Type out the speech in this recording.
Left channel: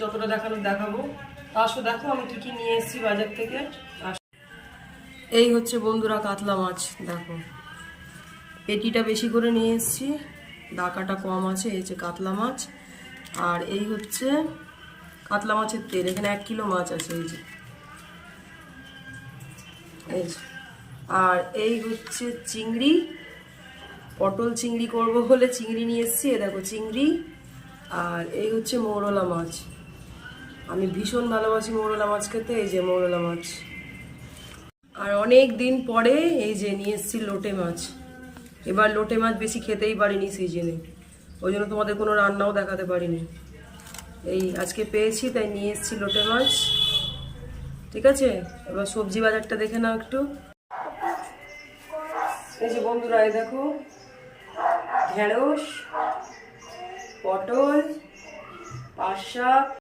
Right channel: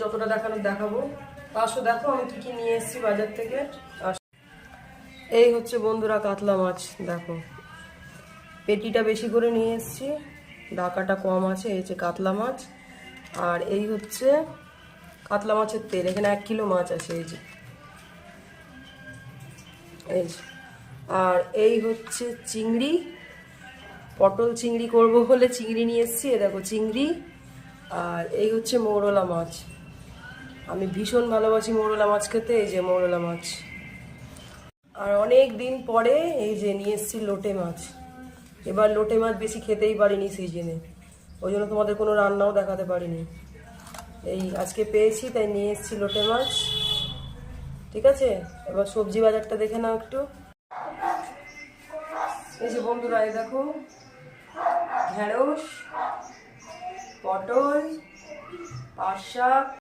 যতটা দেখানো দেখাবো। আসো দেখো আমি কি কি নিয়ে এসেছি বাজার থেকে। এই হচ্ছে বন্ধুরা কাতলা মাছ, দেখো পেটিটা বেশি করে নিয়ে এসেছি, ডাকাটা কম আছে। এই হচ্ছে কাতলা মাছ, আর এই হচ্ছে কাতলা মাছের তেল। এখানে 1 কিলো মাছ আছে, এই যে এই যে। আর এই হচ্ছে চিংড়ি, পটল চিংড়ি করব বলে চিংড়ি নিয়ে এসেছি, এ দেখো চিংড়ি। আর এই হচ্ছে মৌরলা মাছ, আমি ভীষণ ভালোবাসি মৌরলা মাছ খেতে। এই যে মৌরলা মাছ। আর অনেক দিন পরে এই যে নিয়ে এসেছি লোটে মাছ। এবার লোটে মাছ বেশি খেতেই পারিনি সিজনে, ওই জন্য তোমাদের কোনো রান্নাও দেখাতে পারিনি। এই আজকে পেয়েছি তাই নিয়ে এসেছি লোটে মাছ। ঠিক আছে, এবার সবজি বাজারটা দেখে নাও একটু। এই যে বন্ধুরা, এই দেখো ঢেঁড়স, পটল, পাট শাক,